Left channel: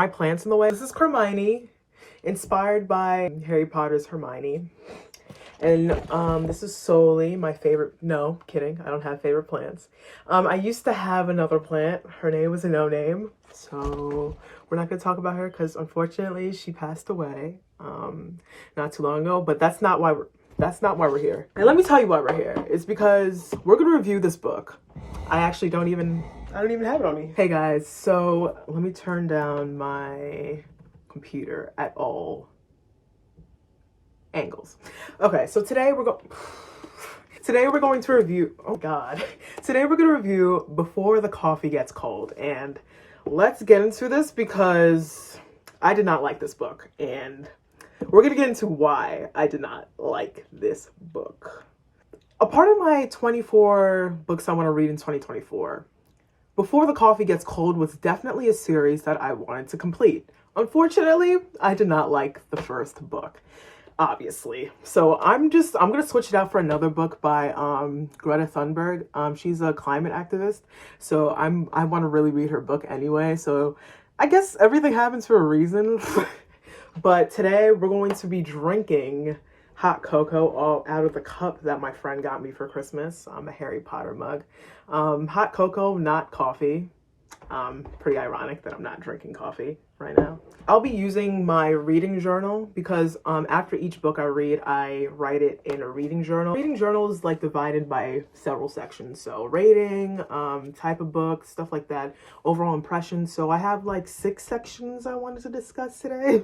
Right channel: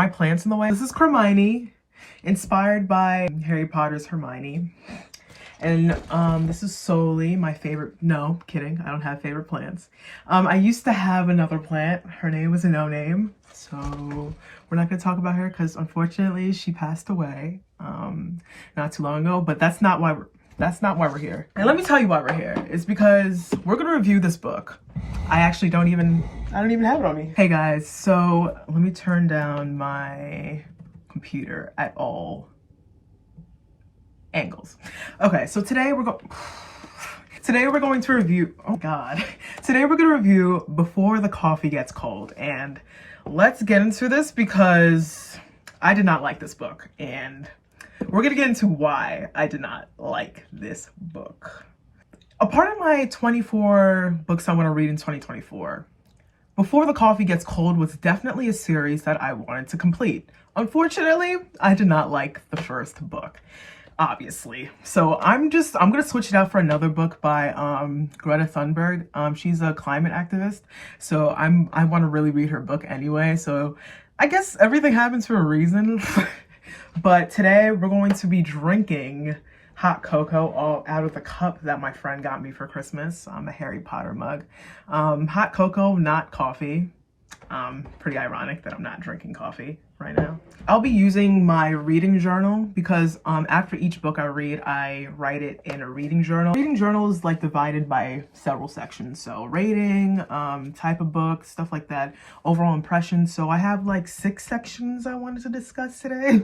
my plant's in the way. This is Hermione, inspired by Harry Potter's Hermione. And this is solely my favorite. No, kidding. I don't have favorite plants. I used to have another plant. Her name was a no name. So we're not gonna talk about her because unfortunately she passed away not too long ago. But that's not why we're here. And let me tell you why we're here. It's because we're gonna review this book. I don't even have it on me. Hey guys, so let me turn down my computer at all angles. Okay, so today we're going to review, oh god. Today we're gonna review Before the Coffee Gets Cold, and let's get into this because I did not like this book, and we're gonna get into why I did not like this book. A part of my 24 books I want to read in 2024, Before the Coffee Gets Cold was definitely a series that I wanted to complete. Unfortunately, I did not like the first book, obviously. So I'm gonna switch it out for another book by Greta Thunberg. She's a climate activist, so I want to really read her book anyway. So I guess everything happens for a reason. But today we're going to be drinking hot cocoa all out of the cup that my friend got me for Christmas, a Harry Potter mug. Hot cocoa, not coffee. Pretty ironic that I'm not drinking coffee right now. I'll be using my reading journal because after each book I read, I write it in a reading journal. Reading journal is like divided by several sections. So rating, type of book, stuff like that, overall impression. So I have like 6 sections I wanted to discuss today.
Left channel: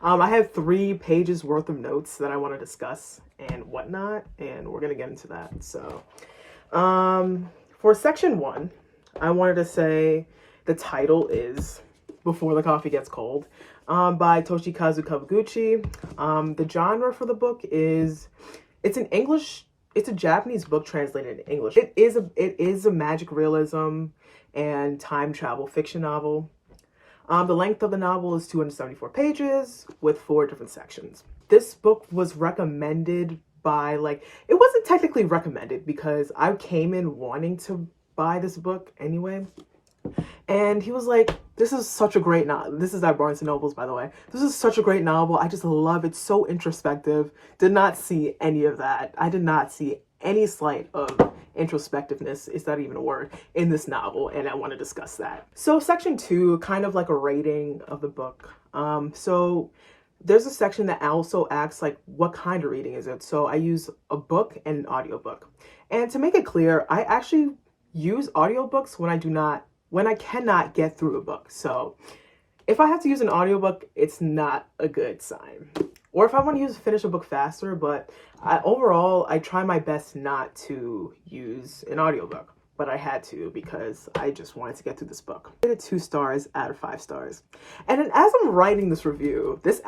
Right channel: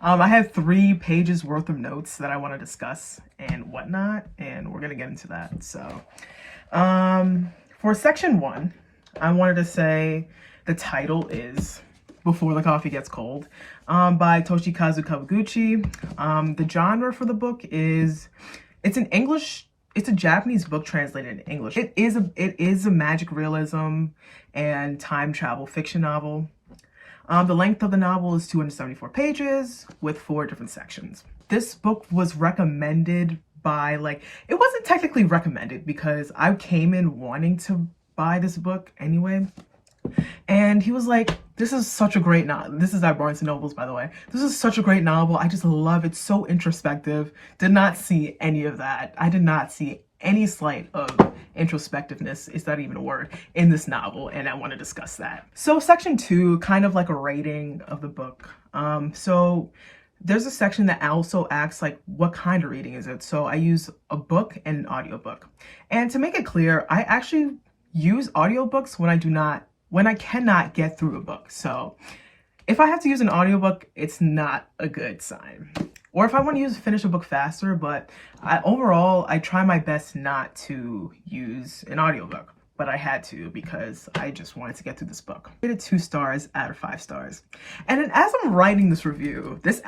I have 3 pages worth of notes that I want to discuss and whatnot, and we're gonna get into that. So for section 1, I wanted to say the title is Before the Coffee Gets Cold by Toshikazu Kawaguchi. The genre for the book is, it's a Japanese book translated in English. It is a magic realism and time travel fiction novel. The length of the novel is 274 pages with 4 different sections. This book was recommended by, it wasn't technically recommended because I came in wanting to buy this book anyway. And he was like, this is such a great novel. This is at Barnes & Nobles, by the way. This is such a great novel. I just love it. So introspective. Did not see any of that. I did not see any slight of introspectiveness, is that even a word, in this novel, and I want to discuss that. So section 2, kind of like a rating of the book. So there's a section that also asks like, what kind of reading is it? So I use a book and an audiobook. And to make it clear, I actually use audiobooks when I cannot get through a book. So if I have to use an audiobook, it's not a good sign. Or if I want to finish a book faster, but overall, I try my best not to use an audiobook. But I had to because I just wanted to get through this book. I rated 2 stars out of 5 stars. And then as I'm writing this review, this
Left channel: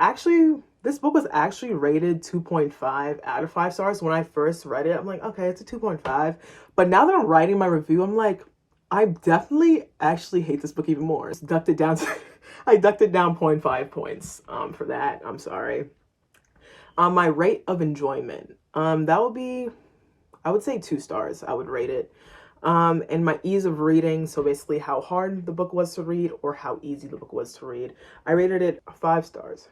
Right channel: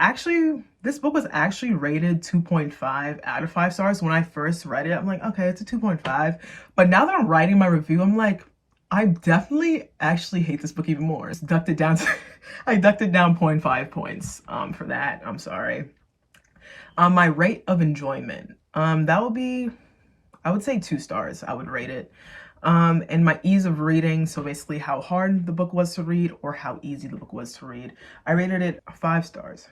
book was actually rated 2.5 out of 5 stars. When I first read it, I'm like, okay, it's a 2.5. But now that I'm writing my review, I'm like, I definitely actually hate this book even more. I ducked it down 0.5 points for that. I'm sorry. My rate of enjoyment, that would be, I would say 2 stars. I would rate it. And my ease of reading, so basically how hard the book was to read or how easy the book was to read, I rated it 5 stars.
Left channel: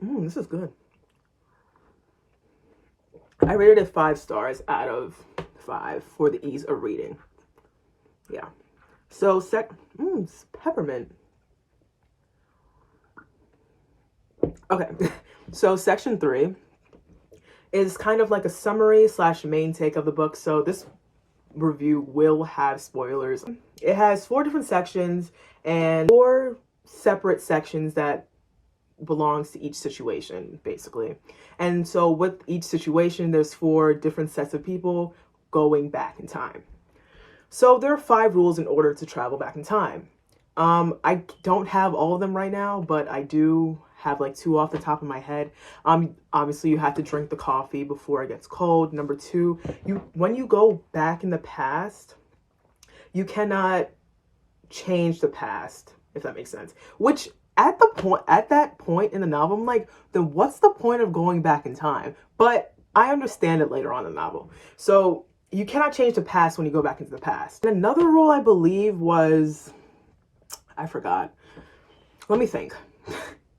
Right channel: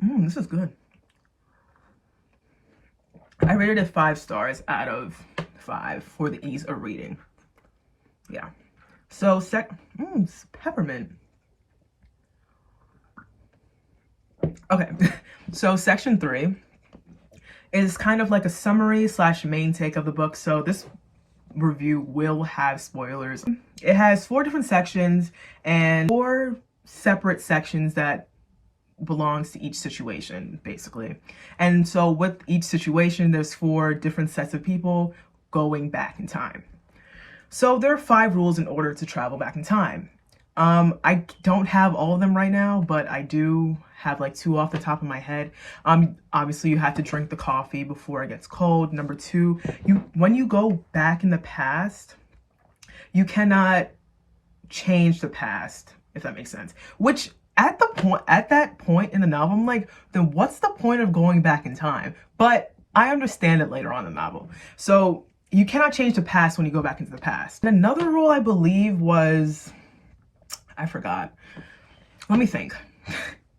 This is good. I rated it 5 stars out of 5 for the ease of reading. Yeah. So it's peppermint. Okay. So section 3 is kind of like a summary / main take of the book. So this review will have spoilers. It has 4 different sections and 4 separate sections that belongs to each situation, basically. And so with each situation, there's 4 different sets of people going back in time. So there are 5 rules in order to travel back in time. I don't have all of them right now, but I do have like 2 off the top of my head. Obviously you have to drink the coffee before it gets cold. Number 2, when you go back in the past, you cannot change the past, if that makes sense. Which at that point in the novel, I'm like, then what's the point of going back in time? But I understand it later on in the novel. So you cannot change the past when you go back into the past. And another rule I believe was, I forgot. Let me think.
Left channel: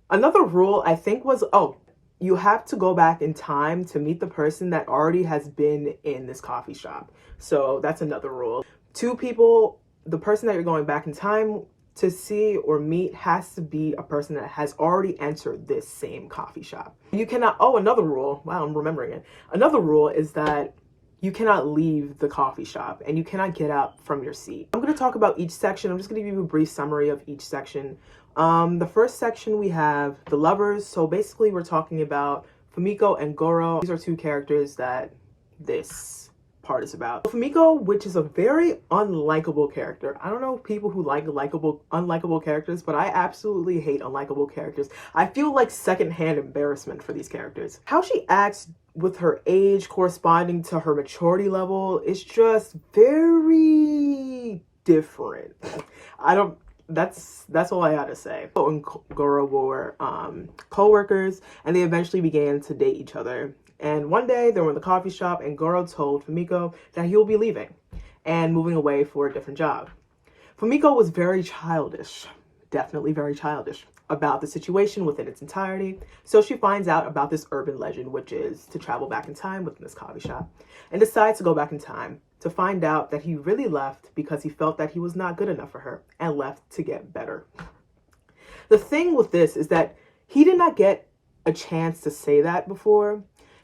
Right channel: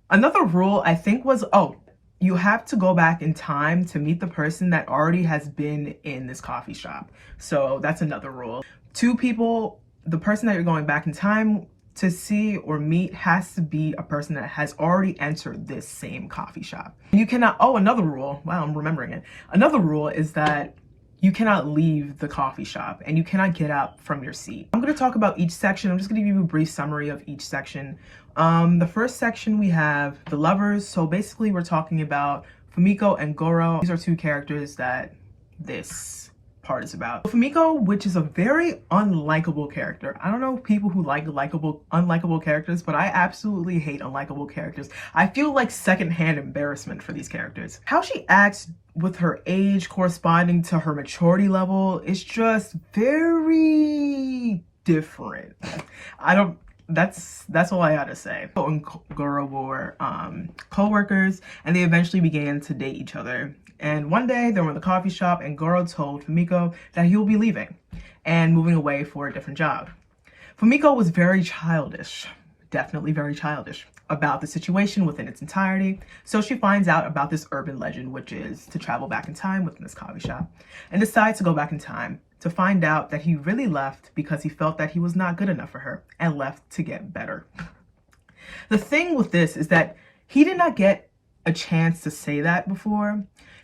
Another rule I think was, oh, you have to go back in time to meet the person that already has been in this coffee shop. So that's another rule. Two people, the person that you're going back in time to see or meet has to be a person that has already entered this same coffee shop. You cannot, oh, another rule, wow, I'm remembering it. Another rule is that you cannot leave the coffee shop and you cannot get up from your seat. I'm going to talk about each section. I'm just going to give you a brief summary of each section. The first section, we have the lovers. So basically we're talking about Fumiko and Goro. These are two characters that this part is about. Fumiko, which is a very unlikable character. I don't know people who like unlikable characters, but I absolutely hate unlikable characters. I feel like secondhand embarrassment for these characters. How she acts with her age corresponding to her maturity level is just very different. That's all I had to say. Fumiko and Goro were co-workers, and they eventually began to date each other. And one day they were in the coffee shop and Goro told Fumiko that he will be leaving and moving away for a different job. Fumiko was very childish, definitely very childish, about the situation within its entirety. So she finds out about this urban legend, which is to travel back in time within this coffee shop, and decides to go back in time to find out that he really left because he felt that he was not good enough for her and left to get better. The thing with this is that he did not get a chance to say that before.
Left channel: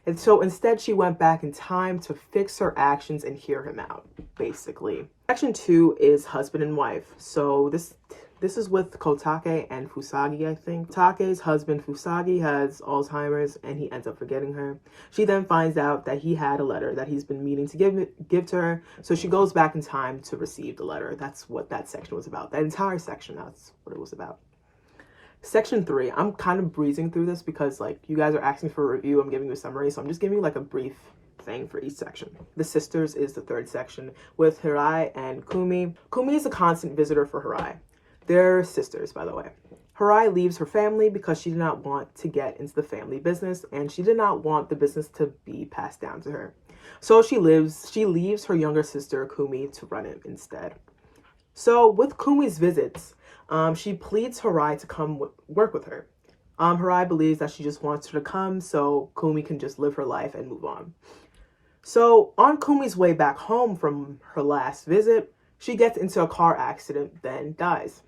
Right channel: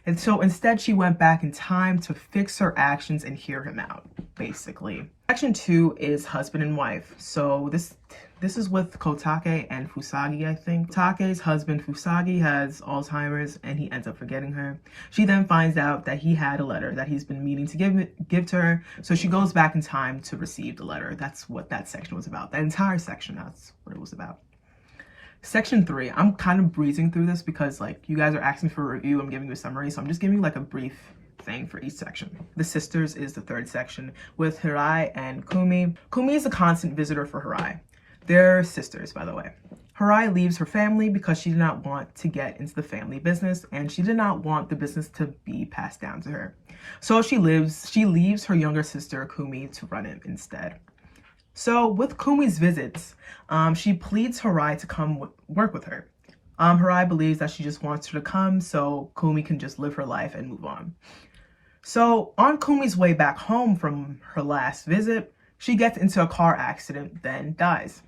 And so instead she went back in time to fix her actions and hear him out, basically. Section 2 is husband and wife. So this is with Kotake and Fusagi, I think. Take's husband, Fusagi, has Alzheimer's and he ends up forgetting her. She then finds out that he had a letter that he's been meaning to give to her. So she goes back in time to receive the letter. That's what that section was about. That entire section, that's what it was about. Section 3, I'm kind of breezing through this because like you guys are asking for a review. I'm giving you a summary. So I'm just giving you like a brief thing for each section. The sisters is the third section with Hirai and Kumi. Kumi is a constant visitor for Hirai. They're sisters, by the way. Hirai leaves her family because she did not want to get into the family business and she did not want the business to be passed down to her. So she leaves her younger sister Kumi to run it instead. So with Kumi's visits, she pleads Hirai to come work with her. Hirai believes that she just wants her to come so Kumi can just live her life and move on. So on Kumi's way back home from her last visit, she gets into a car accident, then dies.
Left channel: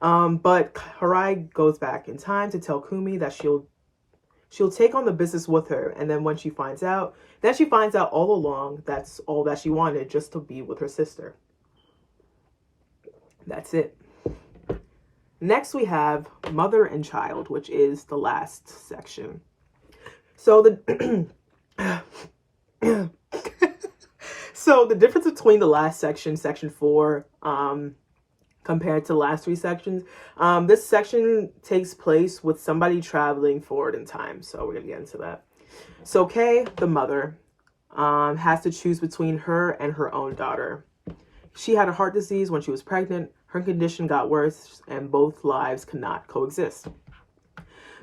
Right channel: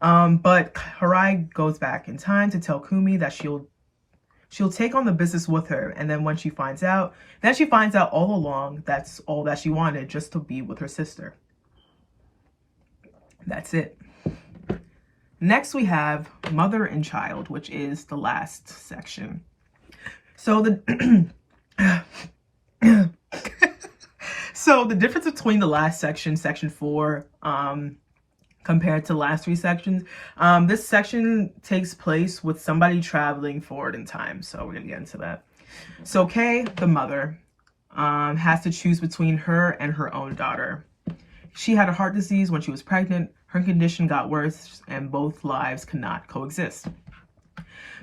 But Hirai goes back in time to tell Kumi that she'll take on the business with her. And then when she finds out, all along that's all that she wanted, just to be with her sister. That's it. Next we have mother and child, which is the last section. So the so the difference between the last section, section 4, compared to the last 3 sections, this section takes place with somebody traveling forward in time. So we're gonna get into that. So Kei, the mother, has to choose between her and her own daughter. She had a heart disease when she was pregnant. Her condition got worse and both lives cannot coexist.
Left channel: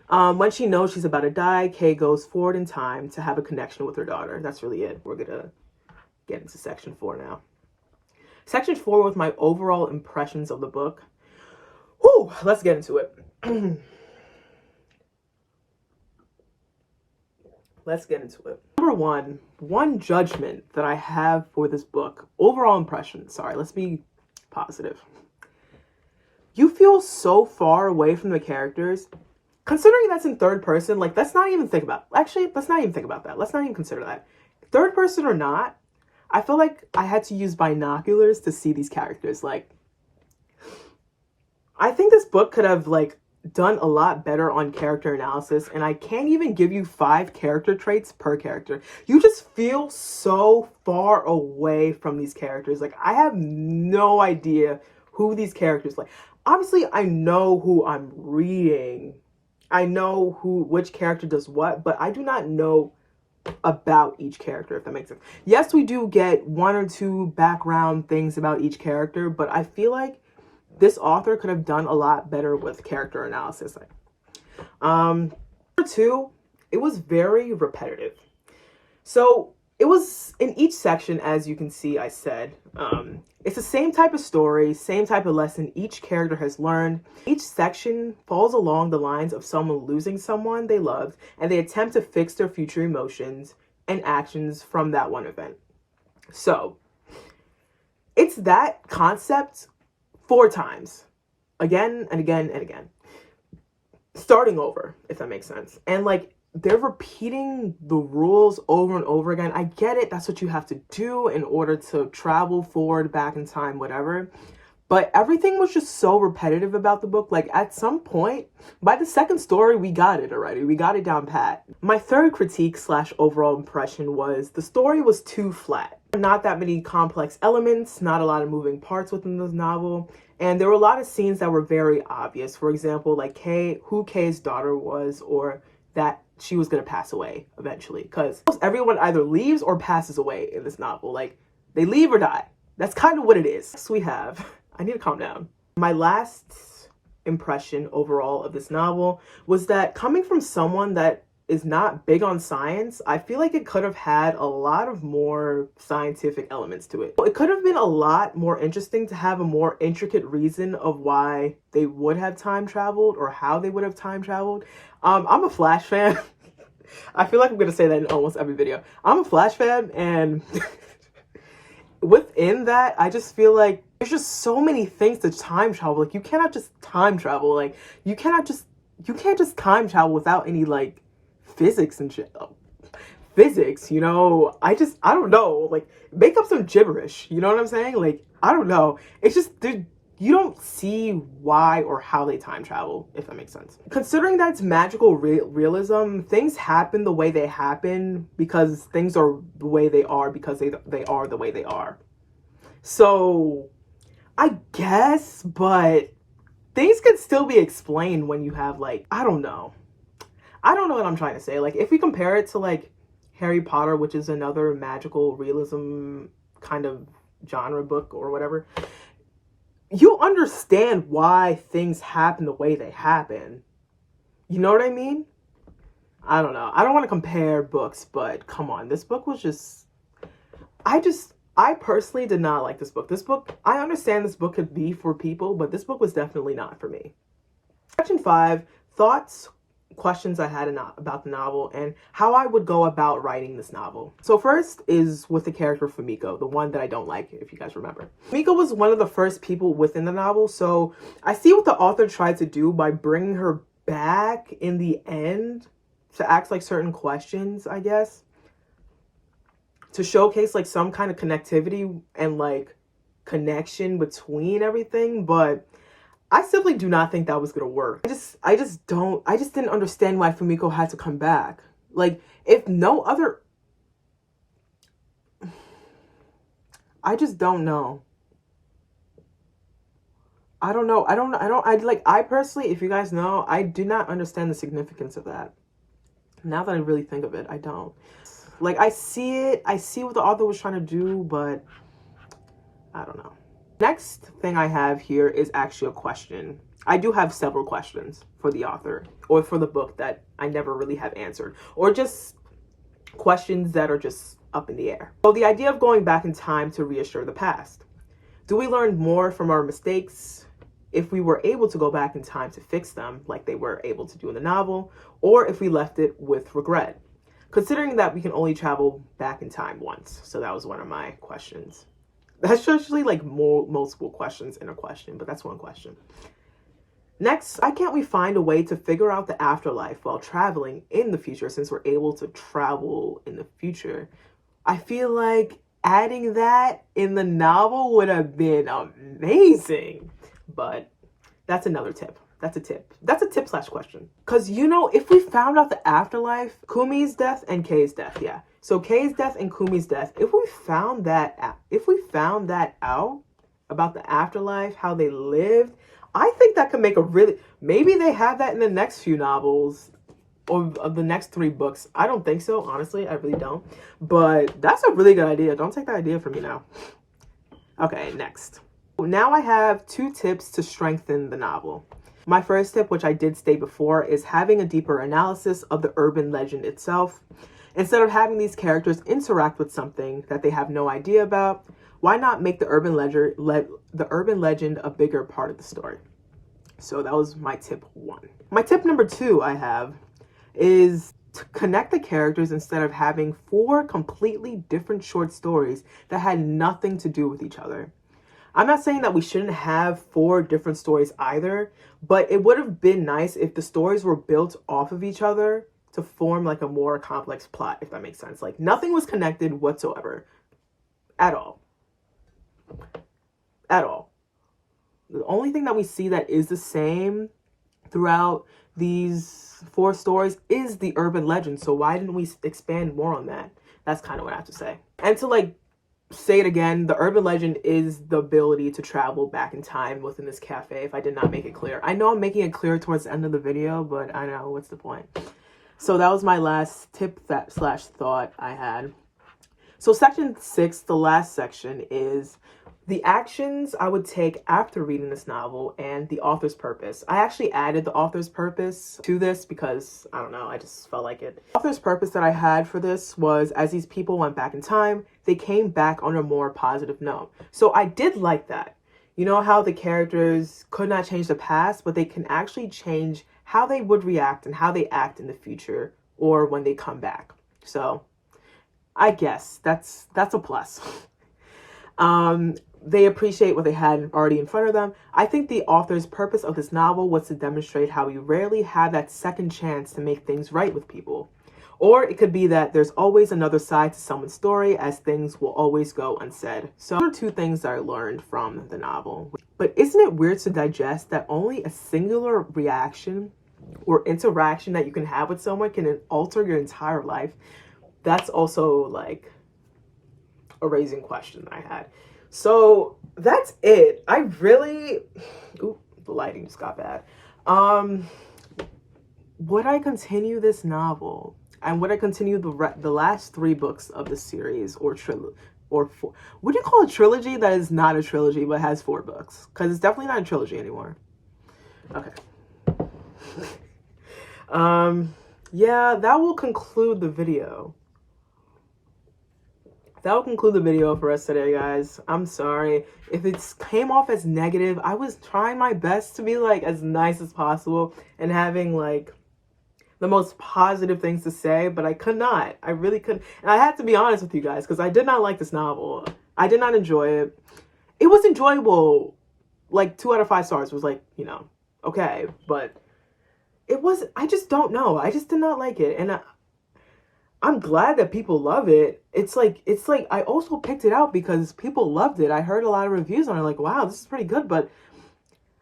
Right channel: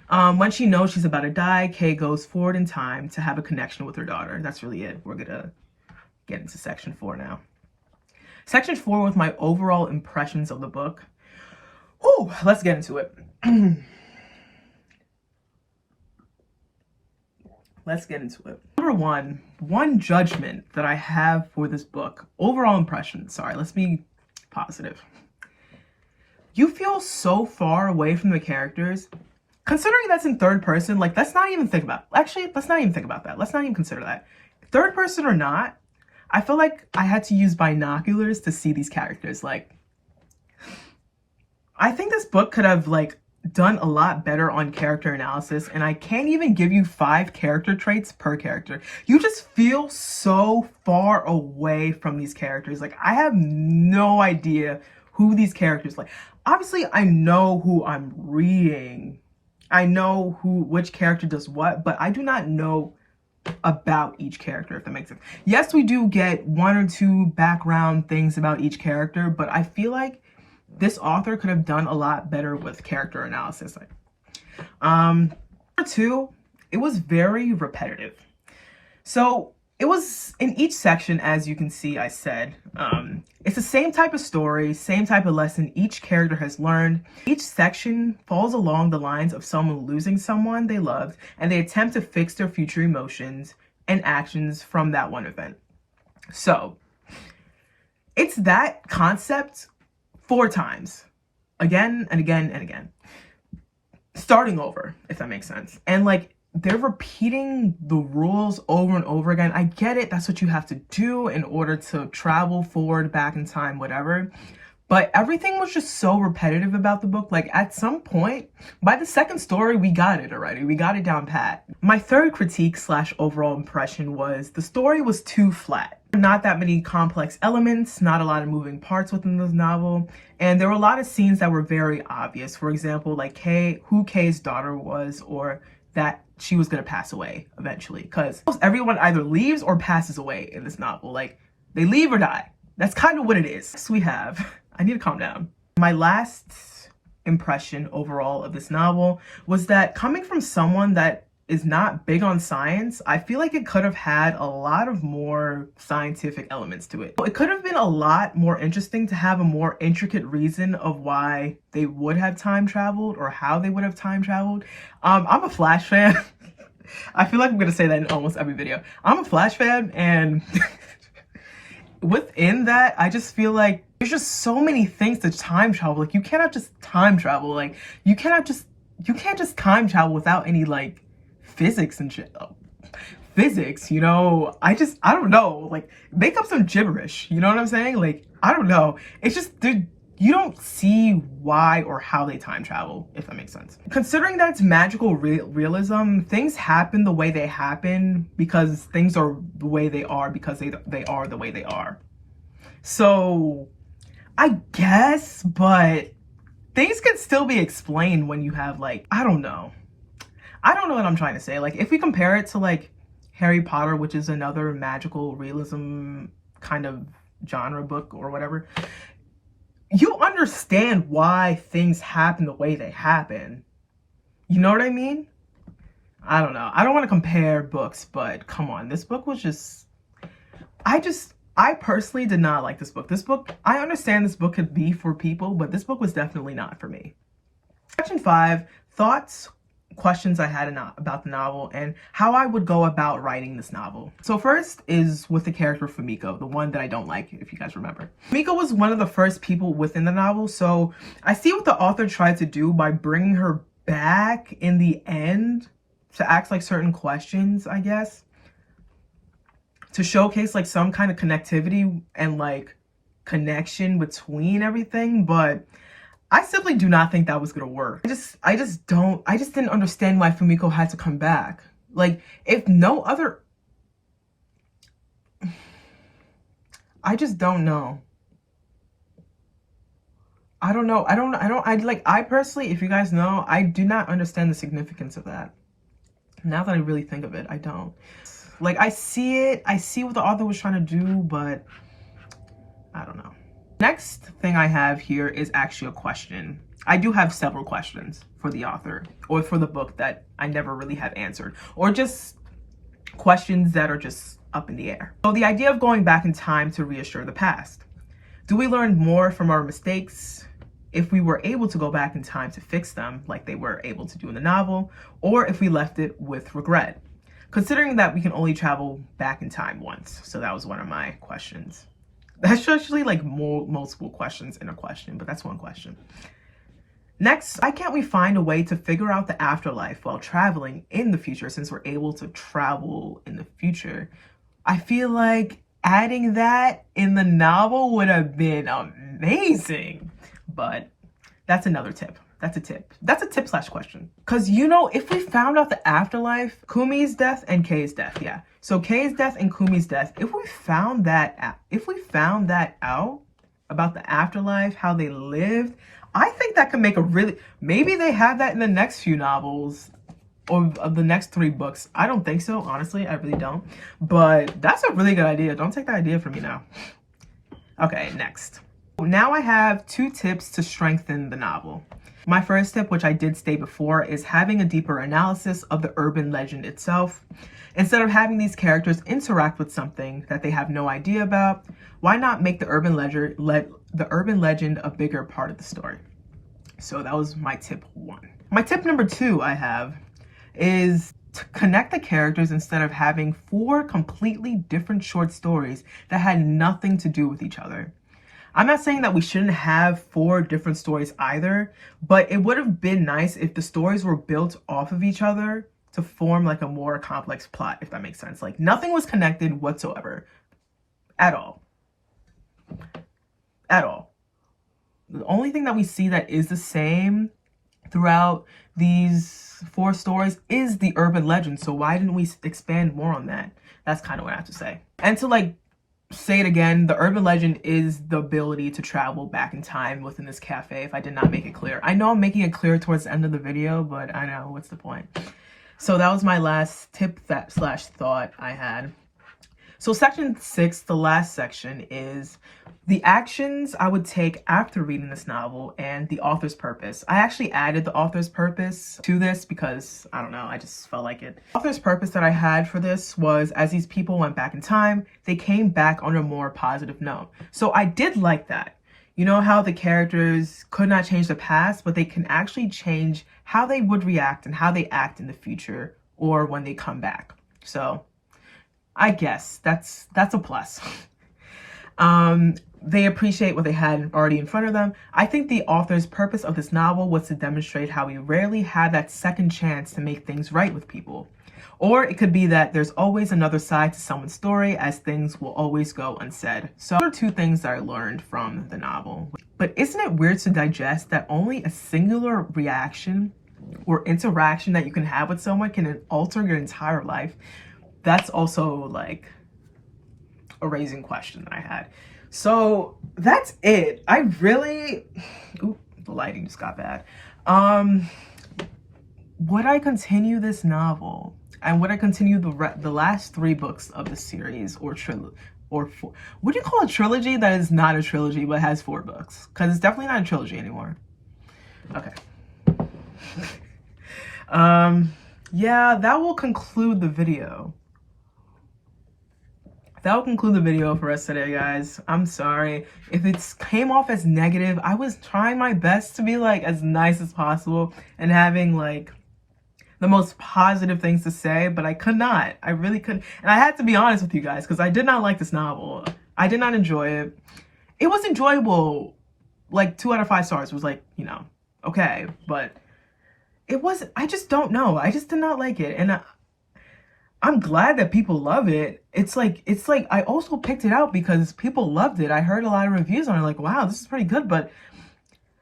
When she knows she's about to die, Kei goes forward in time to have a connection with her daughter. That's really it. We're gonna get into section 4 now. Section 4 was my overall impressions of the book. Whew, let's get into it. Let's get into it. Number one judgment that I have for this book, overall impression, sorry, let's be positive. You feel so far away from the characters. Considering that's in third person, like let's not even think about that. Let's not even consider that. Third person or not, I feel like I had to use binoculars to see these characters. Like, I think this book could have like done a lot better on character analysis, and I can't even give you 5 character traits per character. You just feel so far away from these characters. Like, I have no idea who these characters like. Obviously, I know who I'm reading. I know which character does what, but I do not know about each character, if that makes sense. Yes, we do get 1 or 2 background things about each character, but I feel like this author could have done a lot better with character analysis. Number 2, it was very repetitive. So it was in each section, as you can see, I said, it's the same type of story, same type of lesson each character has learned. Each section falls along the lines of someone losing someone they loved, and they attempt to fix their future emotions and actions from that one event. So it's that concept 4 times, again and again and again, starting over, if that makes sense. And like, they're repeating the rules over and over again. I get it, that's what you have to do in order to travel forward, back in time, whatever. But everything was just so repetitive about the book. Like, at some point, by the 2nd story, we got it already. We got it down pat. My 3rd critique / overall impression was the story was too flat. Not that many complex elements, not a lot of moving parts within this novel. And there were a lot of scenes that were very obvious. For example, like who Kay's daughter was, or that she was going to pass away eventually, because everyone either leaves or passes away in this novel. Like, they leave or die. That's kind of what it is. So we have, I need to calm down. My last impression overall of this novel was that, coming from someone that is not big on science, I feel like it could have had a lot of more scientific elements to it. It could have been a lot more interesting to have a more intricate reason of why they would have time traveled, or how they would have time traveled. I'm a Flash fan. I feel like I'm gonna say that in almost every video. I'm a Flash fan, and within that, I just feel like there's just so many things to time travel. Like, you cannot just time travel. Like, you can't just time travel without any like physics and shit. Physics, you know, I don't know, like, make up some gibberish, you know what I'm saying? Like, I don't know, it's just, you don't see why or how they time travel, if that makes sense. Considering that it's magical realism, things happen the way they happen because things are the way they are because they are the way they are. So I guess, but things can still be explained when you have, like, I don't know what I'm trying to say. Like, if we compare it to like Harry Potter, which is another magical realism kind of genre book or whatever, you understand why things happen the way they happen. You know what I mean? I don't know. I don't want to compare books, but come on. This book was just, I personally did not like this book. This book, I understand this book could be for people, but this book was definitely not for me. Section 5, thoughts, questions I had about the novel, and how I would go about writing this novel. So first is with the character Fumiko, the one that I don't like, if you guys remember. Fumiko was one of the first people within the novel, so I see what the author tried to do by bringing her back in the end to ask like certain questions, I guess, to showcase like some kind of connectivity and like connection between everything, but I simply do not think that was gonna work. I just didn't understand why Fumiko had to come back. Like, if no other, I just don't know. I don't know. I personally, if you guys know, I do not understand the significance of that. Now that I really think of it, I don't. Like, I see what the author was trying to do, but I don't know. Next thing I have here is actually a question. I do have several questions for the author or for the book that I never really have answered, or just questions that are just up in the air. So the idea of going back in time to reassure the past. Do we learn more from our mistakes if we were able to go back in time to fix them like they were able to do in the novel, or if we left it with regret? Considering that we can only travel back in time once. So that was one of my questions. That's actually like multiple questions in a question, but that's one question. Next, why can't we find a way to figure out the afterlife while traveling in the future, since we're able to travel in the future? I feel like adding that in the novel would have been amazing, but that's another tip. That's a tip. That's a tip / question. Because, you know, if we found out the afterlife, Kumi's death and Kay's death, yeah. So Kay's death and Kumi's death, if we found that out about the afterlife, how they lived, I think that could make a really, maybe they have that in the next few novels or of the next 3 books. I don't think so, honestly, I really don't. But that's a really good idea. Don't take that idea from me now. Okay, next. Now I have 2 tips to strengthen the novel. My first tip, which I did state before, is having a deeper analysis of the urban legend itself. Instead of having these characters interact with something that they have no idea about, why not make the urban legend a bigger part of the story? So that was my tip 1. My tip number 2 I have is to connect the characters instead of having 4 completely different short stories that had nothing to do with each other. I'm not saying that we shouldn't have 4 different stories either, but it would have been nice if the stories were built off of each other to form like a more complex plot, if that makes sense. Like nothing was connected whatsoever at all. At all. The only thing that we see that is the same throughout these 4 stories is the urban legend. So why didn't we expand more on that? That's kind of what I have to say. And to like say it again, the urban legend is the ability to travel back in time within this cafe, if I did not make it clear. I know I'm making it clear towards the end of the video, but I know, what's the point? So that was my last tip slash thought I had. So section 6, the last section, is the actions I would take after reading this novel and the author's purpose. I actually added the author's purpose to this because, I don't know, I just felt like it. The author's purpose that I had for this was, as these people went back in time, they came back on a more positive note. So I did like that. You know how the characters could not change the past, but they can actually change how they would react and how they act in the future or when they come back. So I guess that's a plus. They appreciate what they had already in front of them. I think the author's purpose of this novel was to demonstrate how we rarely have that second chance to make things right with people. Or it could be that there's always another side to someone's story, as things will always go unsaid. So those are 2 things that I learned from the novel. But isn't it weird to digest that only a singular reaction or interaction that you can have with someone can alter your entire life? That's also like a raising question that I had. So that's it. I really, ooh, the lighting just got bad. Would I continue this novel? And would I continue the last 3 books of the series, or 4? Would you call a trilogy that is not a trilogy but has 4 books? Because it's definitely not a trilogy anymore. Okay. Yeah, that will conclude the video. That will conclude the video for us today, guys. I'm sorry if it came off as negative. I was trying my best to be like as nice as possible and having like the most positive things to say, but I could not. I really couldn't. And I had to be honest with you guys because I did not like this novel. I did not enjoy it. It was enjoyable. Like 2 out of 5 stars was like, you know, okay, but it wasn't. I just don't know. I just did not like it. And I'm glad that people love it. It's like I also picked it out because people loved it. I heard a lot of reviews on it like, wow, this is pretty good. But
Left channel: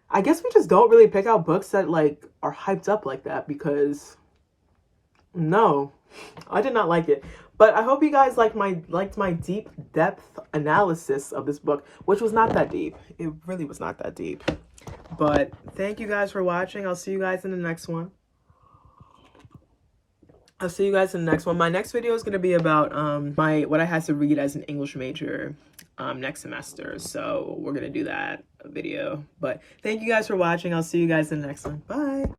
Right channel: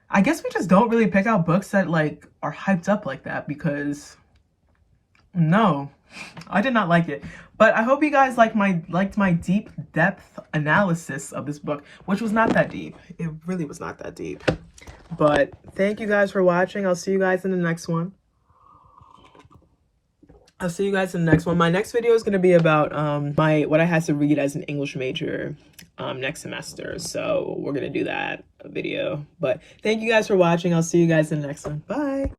I guess we just don't really pick out books that like are hyped up like that because no, I did not like it. But I hope you guys liked my deep depth analysis of this book, which was not that deep. It really was not that deep. But thank you guys for watching. I'll see you guys in the next one. I'll see you guys in the next one. My next video is going to be about what I had to read as an English major next semester. So we're going to do that video. But thank you guys for watching. I'll see you guys in the next one. Bye.